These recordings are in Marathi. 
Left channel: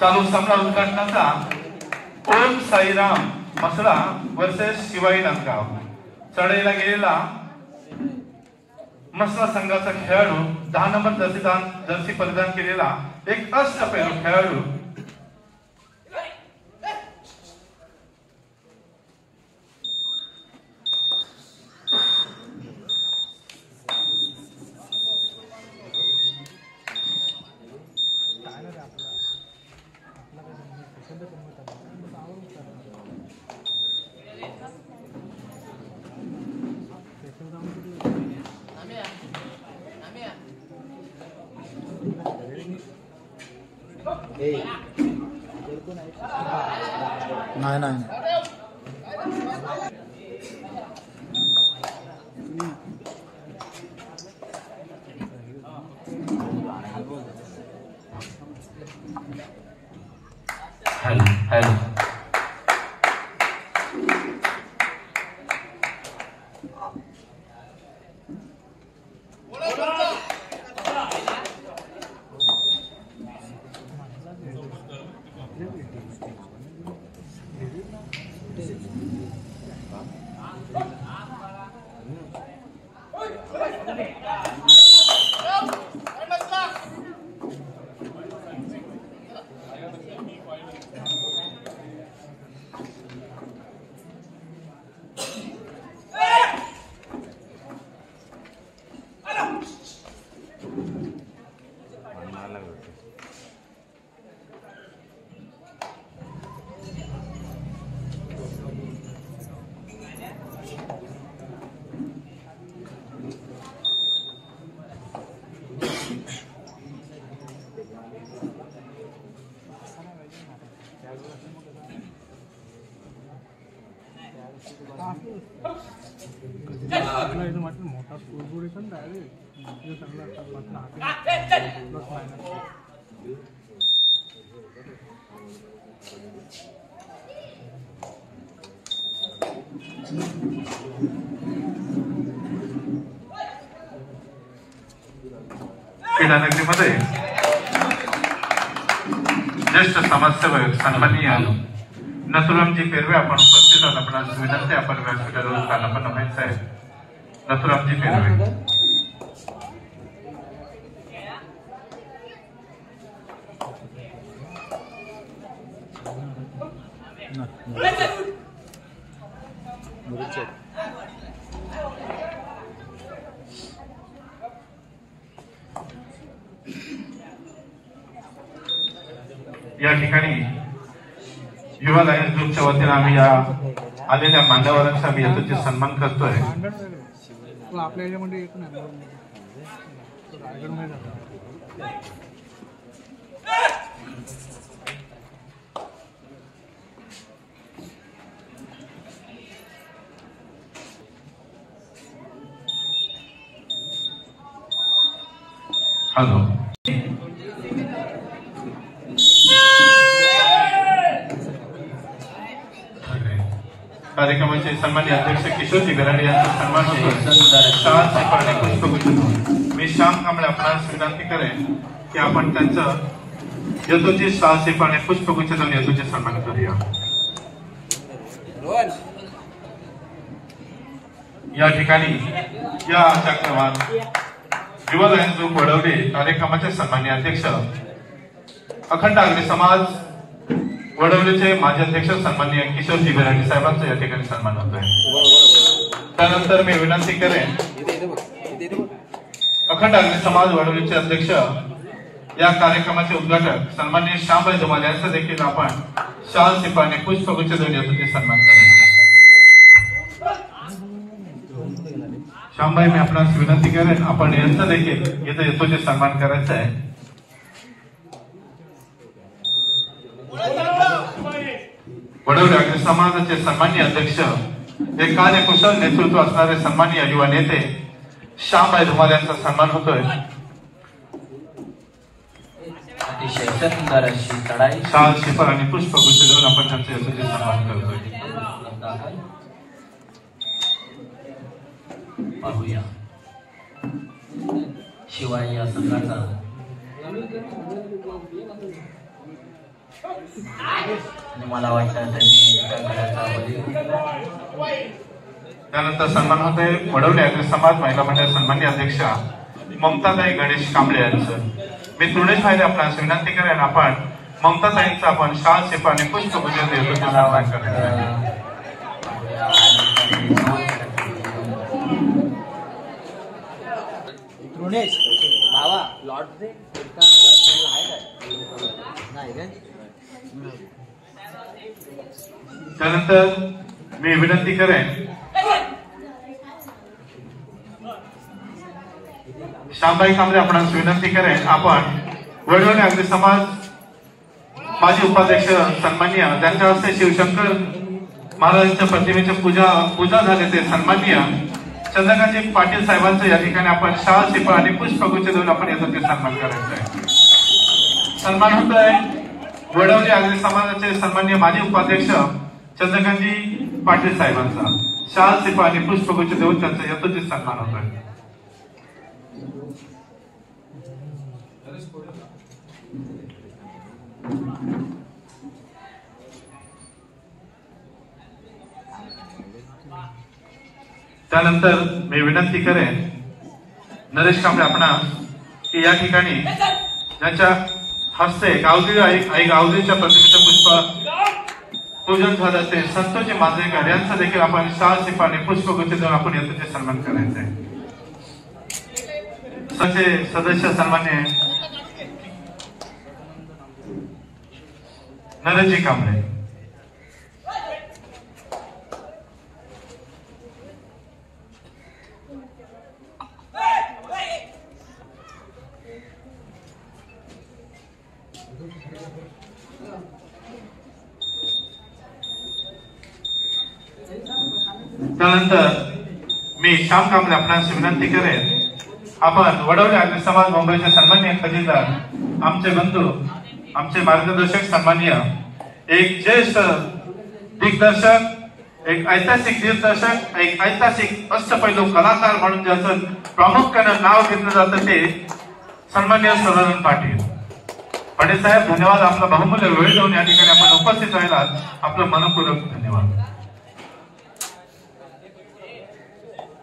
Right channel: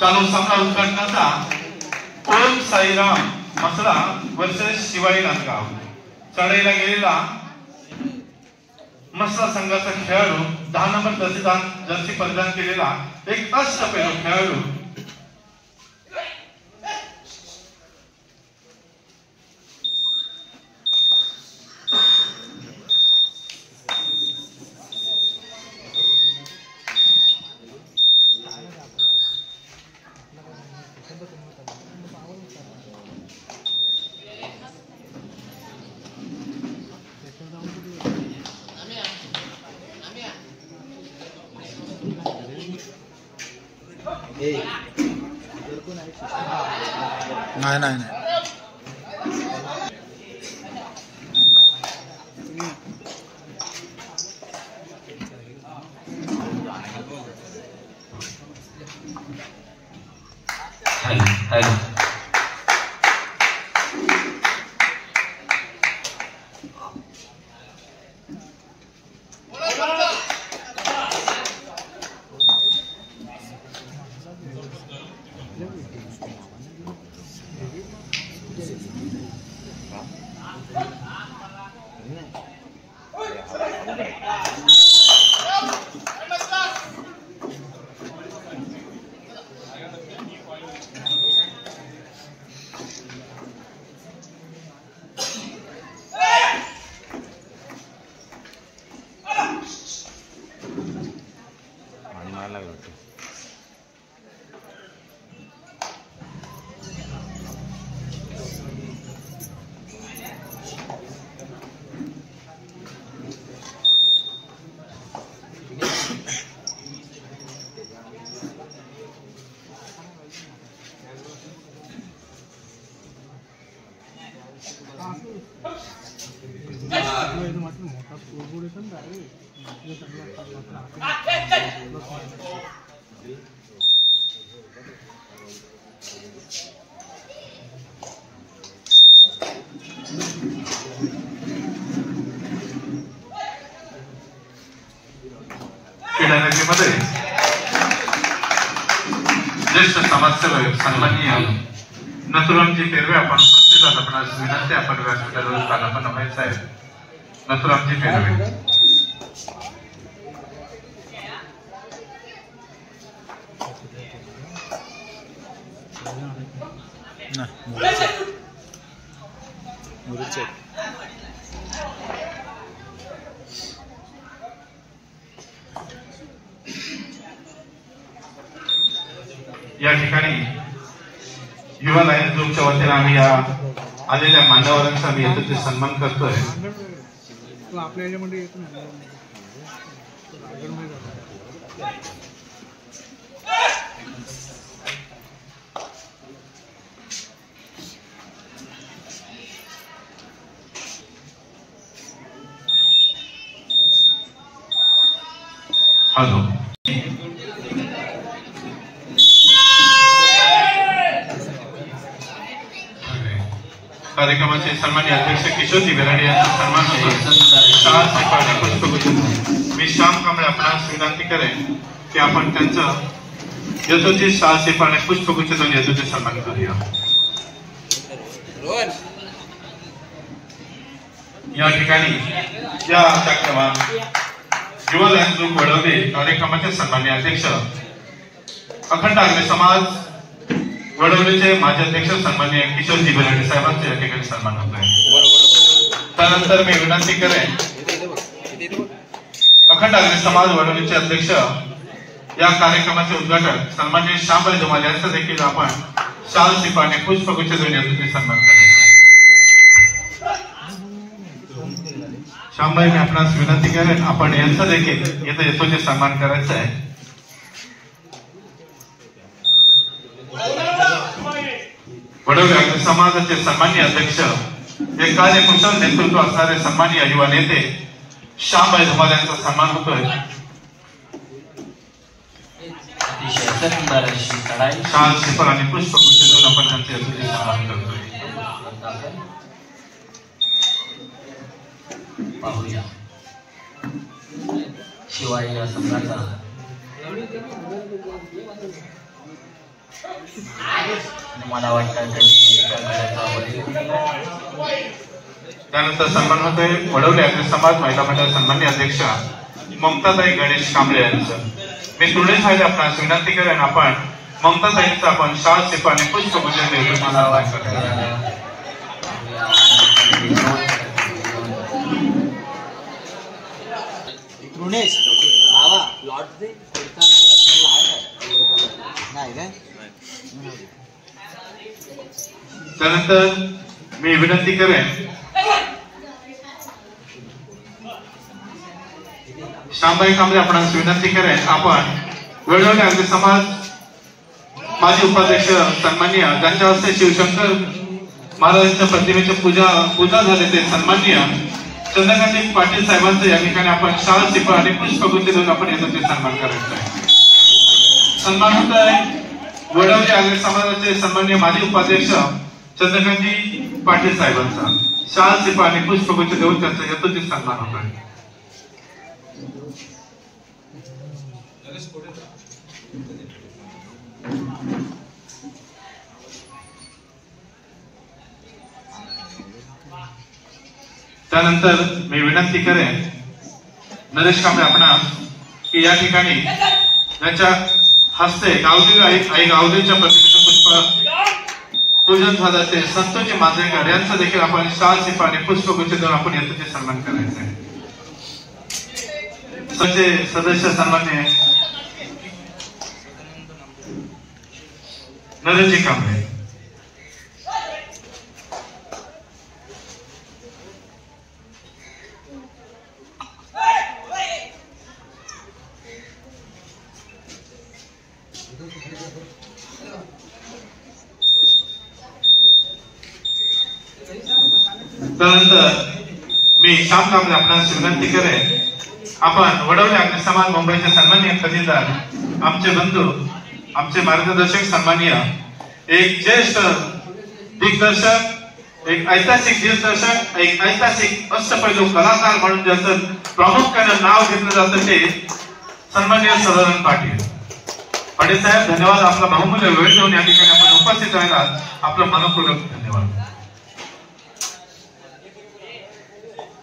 चालू सामना उद्घाटनाचा ओम साईराम मसळा वर्सेस शिवाई नांदगाव. चढाईला गेलेला मसळा संघाचा खेळाडू 10 नंबर जर्सी परिधान केलेला एक अष्टपैलू खेळाडू नाही हॅलो मोठा स्कोर क्रीडानगरीमध्ये ज्येष्ठ समाजसेवक सन्माननीय नथुरामजी पेरवे आपण उपस्थित आहात. आपणास विनंती आपण व्यासपीठावर स्थानापन्न व्हायचं आहे. नथुरामजी पेरवे या ठिकाणी युवा लायन्स ग्रुपच्या वतीने आम्ही या आलेल्या मान्यवरांचा आम्ही यथोचित सन्मान करतोय. आपल्या याच्यामध्ये येत नाही. हॅलो कार्यक्रमाचे सन्माननीय अध्यक्ष किशोरजी बेराडे यांचा सन्मान होतो. मी श्याम कांबळे आपणास विनंती करेन की आपण त्यांचं यथोचित साहसीपणे पुष्पगुच्छ देऊन यथोचित सन्मान करूया. या ठिकाणी या कार्यक्रमात युवा लायन्स ग्रुप वडवले कार्यक्रमाचे सन्माननीय अध्यक्ष अखंड आगरी समाज वडवलेचे माजी अध्यक्ष सन्माननीय किशोरजी बेराडे साहेबांचा या ठिकाणी सन्मान होतोय. त्यानंतर मी विनंती करेन अखंड आगरी समाज वडवलेचे अध्यक्ष या कार्यक्रमाचे उद्घाटक सन्माननीय श्यामभाई धुमाल यांचा देखील आपण शाल शिपाने पुष्पगुच्छ देऊन याचा सन्मान करायचा. श्यामभाई मी आपणास विनंती करेन आपण यांचा देखील इथे यथोचित सन्मान करायचा आहे. वडवले आगरी समाजाचे सन्माननीय अध्यक्ष हे कार्यकुशल नेतृत्व असणारे सन्माननीय युवा नेते श्यामभाई धुमाल यांचा सन्मान होतोय. शाल शिपर आणि पुष्पगुच्छ देऊन आपण त्यांचे यथोचित सन्मान करतोय. पाहूया शिवाय या संघाचा आणि मला वाटतं त्यांनी सहकार्याचा बळी दिला. त्यानंतर सन्मान होते वडवले अग्र समाज महिला मंडळ सन्मान्य अध्यक्षा ममताताई गणेश कांबळे यांचं. मी तुरणे साहेब आपणास विनंती करेन आपण ममताताईंचं आपण शाल शिपाने पुष्पपूजन देतो. मला वाटतं त्यानंतर मी विनंती करेन श्यामबाई कांबळे आपणास विनंती करेन आपण वडवणे अग्र समाज माजी उपाध्यक्ष सन्माननीय ज्यांच्या हस्ते शिवशंकर महाराजांच्या प्रतिमेचे पूजा झाले ते सन्माननीय चंद्रकांत पाटील साहेबांचं या ठिकाणी आपण शाल शिपा आणि पुष्पगुच्छ देऊन आपण याचा सन्मान करायचा आहे. सन्मान होत आहे वडवणे अग्र समाजाचे सन्माननीय माजी उपाध्यक्ष चंद्रकांतजी पाटील साहेबांचा शाल शिपा आणि पुष्पगुच्छ देऊन त्यांचा यथोचित सन्मान होत आहे. त्यानंतर मी विनंती करेन नरेश कांबळे आपणास की या ठिकाणी ज्यांच्या हस्ते गावदेवी आई गावदेवीच्या प्रतिमेचं पुष्प पूजन झालं ते संतोषी मांजरेकर यांचं देखील आपण शाल शिपा आणि पुष्पगुच्छ देऊन आपण याचे सन्मान करायचा आहे. सदस्य सन्मान्य नरेशजी कांबळे. त्यानंतर मी श्याम कांबळे आपणास विनंती करेन आपण वडवले अग्र समाज मुंबईचे सन्माननीय खजिनदार आमचे बंधू आमचे मार्गदर्शक सन्माननीय एक ज्येष्ठ दिग्दर्शक एक ऐतिहासिक दिग्दर्शक एक ऐतिहासिक अष्टपैलू कलाकार म्हणून ज्याचं प्रामुख्याने नाव घेतलं जातं ते सन्माननीय सदानंद पाटील साहेब धन्यवाद. आपला बहुमूल्य वेळ देऊन या ठिकाणी आपण उपस्थित राहिलात आपलं मनपूर्वक धन्यवाद.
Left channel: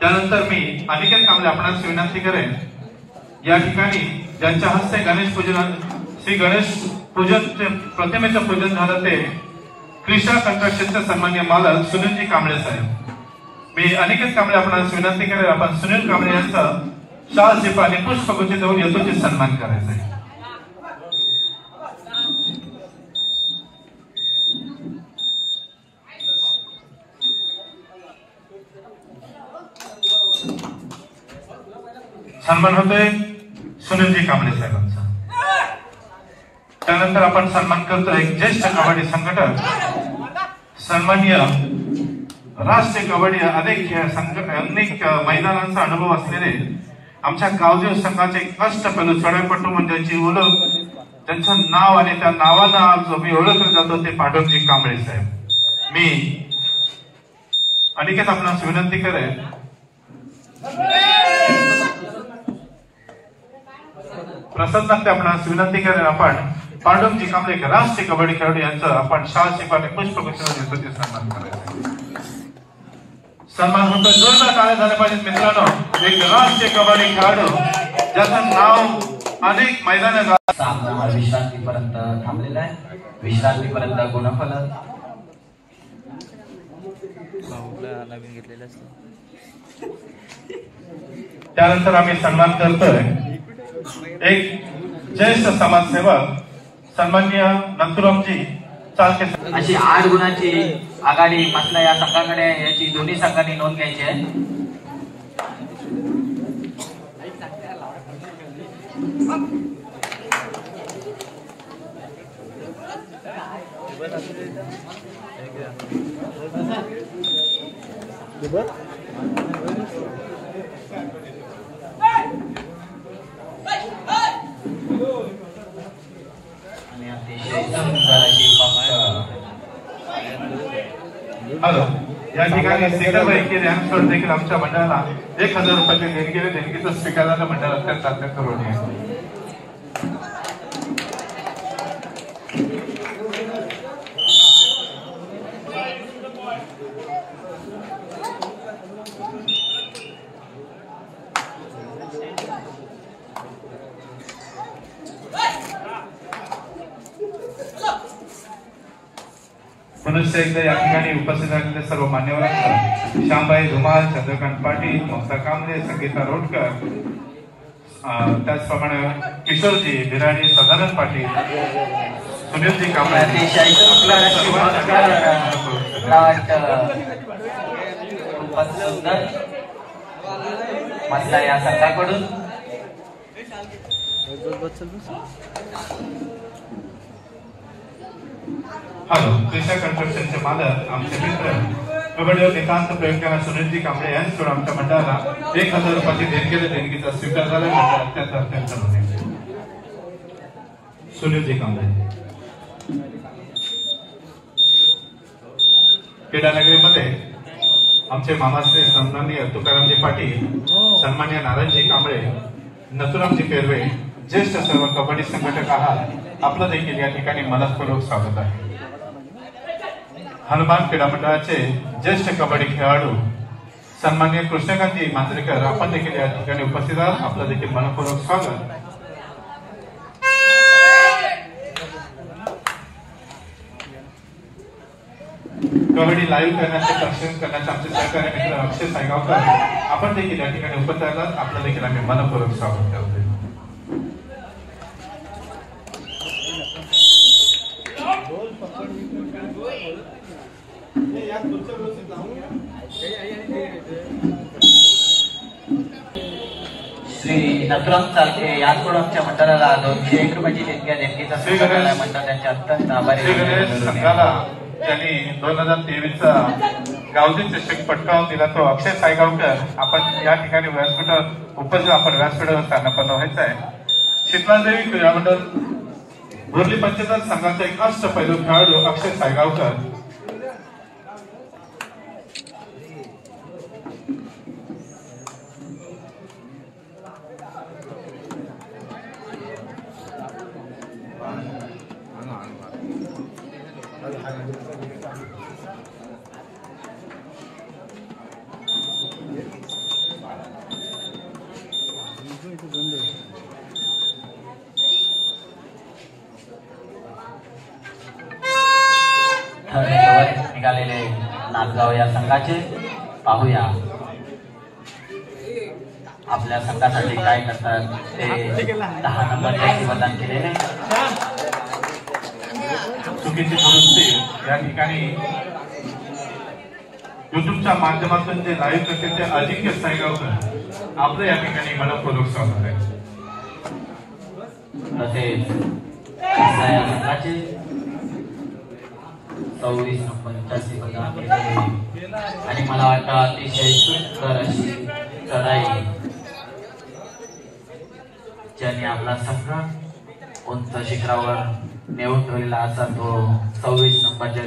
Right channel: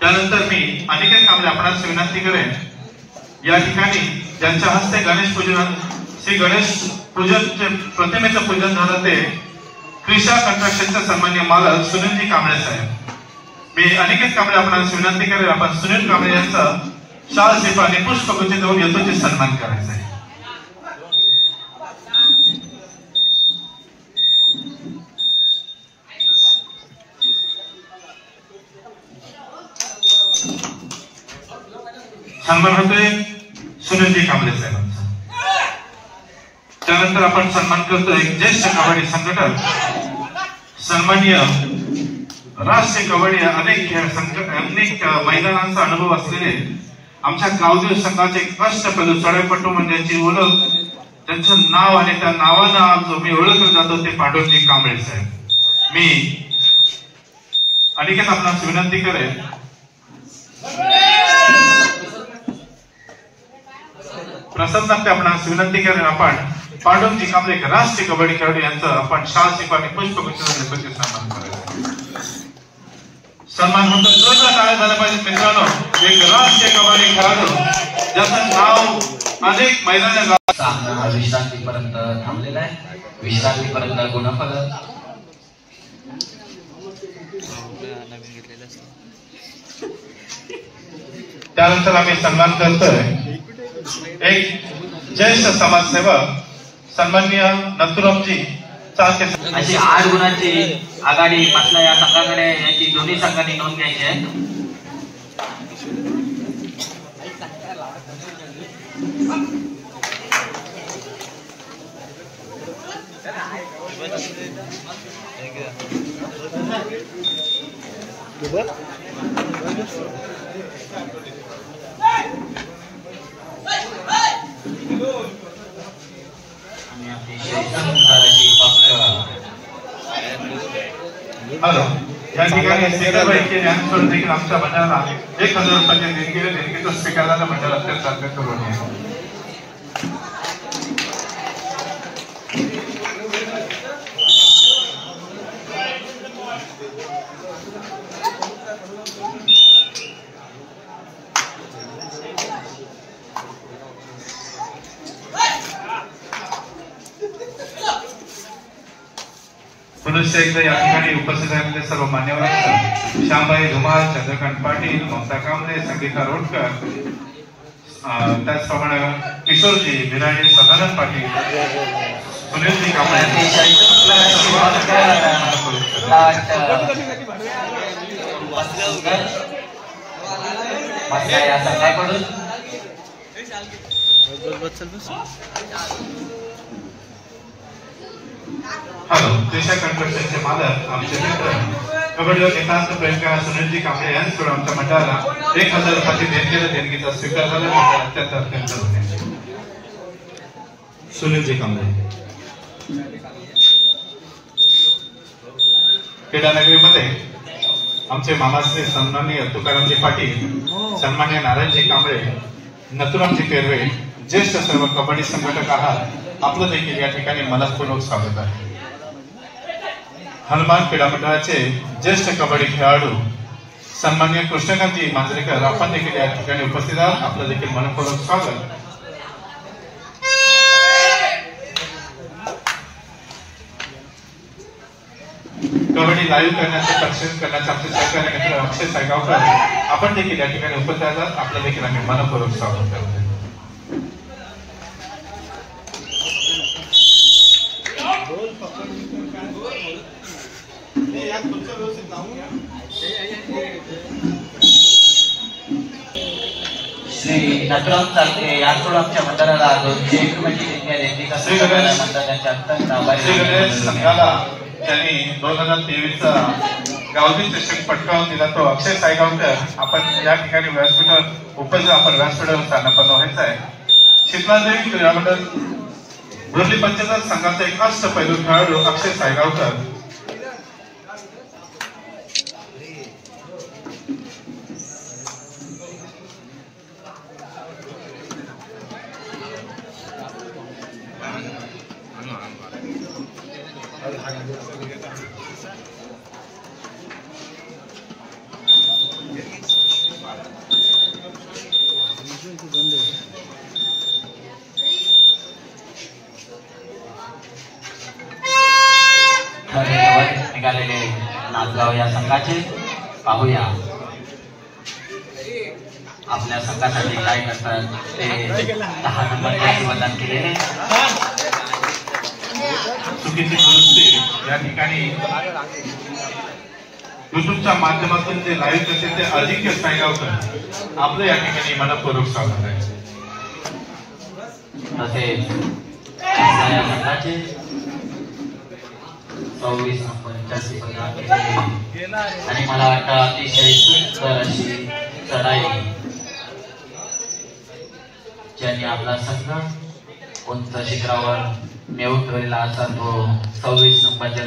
त्यानंतर मी अनिकेत कांबळे आपणास विनंती करेन या ठिकाणी ज्यांच्या हस्ते गणेश पूजन श्री गणेश पूजनचे प्रतिमेचं पूजन झालं ते क्रिशा कंस्ट्रक्शनचे सन्माननीय मालक सुनीलजी कांबळे साहेब. मी अनिकेत कांबळे आपणास विनंती करेन आपण सुनील कांबळे यांचा शाल शिपा आणि पुष्पगुच्छ देऊन यथोचित सन्मान करायचा आहे. सन्मान होतोय सुनीलजी कांबळे साहेबांचा. त्यानंतर आपण सन्मान करतोय ज्येष्ठ कबड्डी संघटक सन्माननीय राष्ट्रीय कबड्डी अनेक मैदानांचा अनुभव असलेले आमच्या गावदेव संघाचे कष्टपैलू चढाईपटू म्हणजे ज्यांची ओळख त्यांचं नाव आणि त्या नावानं आज जो मी ओळखलं जातो ते पांडुरंगजी कांबळे साहेब. मी अनिकेत आपणास विनंती करेन प्रसन्न आपणास विनंती करेन आपण पांडुरंगजी कांबळे राष्ट्रीय कबड्डी खेळाडू यांचं आपण शाल शिपा आणि पुष्पगुच्छ देऊन सन्मान करायचा. सन्मान होतो जोरदार टाळ्या झाल्या पाहिजेत मित्रांनो. एक राष्ट्रीय कबड्डी खेळाडू ज्याचं नाव अनेक मैदान सामना विश्रांतीपर्यंत थांबलेला आहे. विश्रांतीपर्यंत गुणफलक त्यानंतर आम्ही सन्मान करतोय एक ज्येष्ठ समाजसेवक सन्माननीय नथुरामजी चालके. अशी 8 गुणांची आघाडी म्हटलं या संघाकडे याची दोन्ही संघांनी नोंद घ्यायची आहे. हॅलो या ठिकाणी स्पीकरपैकी रॅम्पवर देखील आमच्या मंडळाला 1000 रुपयाचे देणगी देणगीचं स्पीकरला मंडळ अत्यंत अत्यंत ऋणी आहे. पुनश्च एकदा या ठिकाणी उपस्थित असलेले सर्व मान्यवरांचं श्यामबाई धुमाळ, चंद्रकांत पाटील, ममता कांबळे, संगीता रोडकर, त्याचप्रमाणे किशोरजी बिराजे, सदानंद पाटील, सुनीलजी कांबळे अतिशय सुंदर मसला या संघाकडून हॅलो दिशा कन्स्ट्रक्शनचे मालक आमचे मित्र कबड्डीवर एकांत प्रेमकार सुनीलजी कांबळे यांच्याकडून आमच्या मंडळाला 1000 रुपयाची देणगीचा स्वीकार झाला. अत्यंत सुनीलजी कांबळे. क्रीडानगरीमध्ये आमचे मामाश्री सन्माननीय तुकारामजी पाटील, सन्माननीय नारायणजी कांबळे, नथुरामजी पेरवे, ज्येष्ठ सर्व कबड्डी संघटक आहात. आपलं देखील या ठिकाणी मनपूर्वक स्वागत आहे. हनुमान क्रीडा मंडळाचे ज्येष्ठ कबड्डी खेळाडू सन्माननीय कृष्णकांतजी मांजरेकर आपण देखील या ठिकाणी उपस्थित आहात. आपलं देखील मनपूर्वक स्वागत. कबड्डी लाईव्ह करण्याचे प्रशिक्षण करण्याचे आमचे सहकारी मित्र अक्षय सायगावकर आपण देखील या ठिकाणी उपस्थित आहात. आपलं देखील आम्ही मनपूर्वक स्वागत करतो. श्री नथुराम चालके यांकडून आमच्या मंडळाला 201 रुपयाची देणगीचा स्वीकार झाला. मंडळ त्यांच्या अत्यंत आभारी संघाला त्यांनी 2023 चा गावठी चषक पटकावून दिला तो अक्षय सायगावकर आपण या ठिकाणी व्यासपीठावर उपस्थित आपण व्यासपीठावर स्थानापन्न व्हायचं आहे. शीतलादेवी क्रीडा मंडळ बोर्ली पंचायत संघाचा एक अष्टपैलू खेळाडू अक्षय सायगावकर निघालेले नांदगाव या संघाचे पाहूया आपल्या संघासाठी काय करतात ते. 10 नंबरचे मतदान केलेले चुकीची दुरुस्ती या ठिकाणी युट्यूबच्या माध्यमातून जे लाईव्ह करते ते अजिंक्य सायगावकर आपलं या ठिकाणी मनपूर्वक स्वागत आहे. तसेच या संघाचे 24 85 मतदान केलेले आणि मला वाटतं अतिशय सुंदर अशी चढाई ज्यांनी आपला संघ उंच शिखरावर नेऊन ठेवलेला असा तो 26 नंबरच्या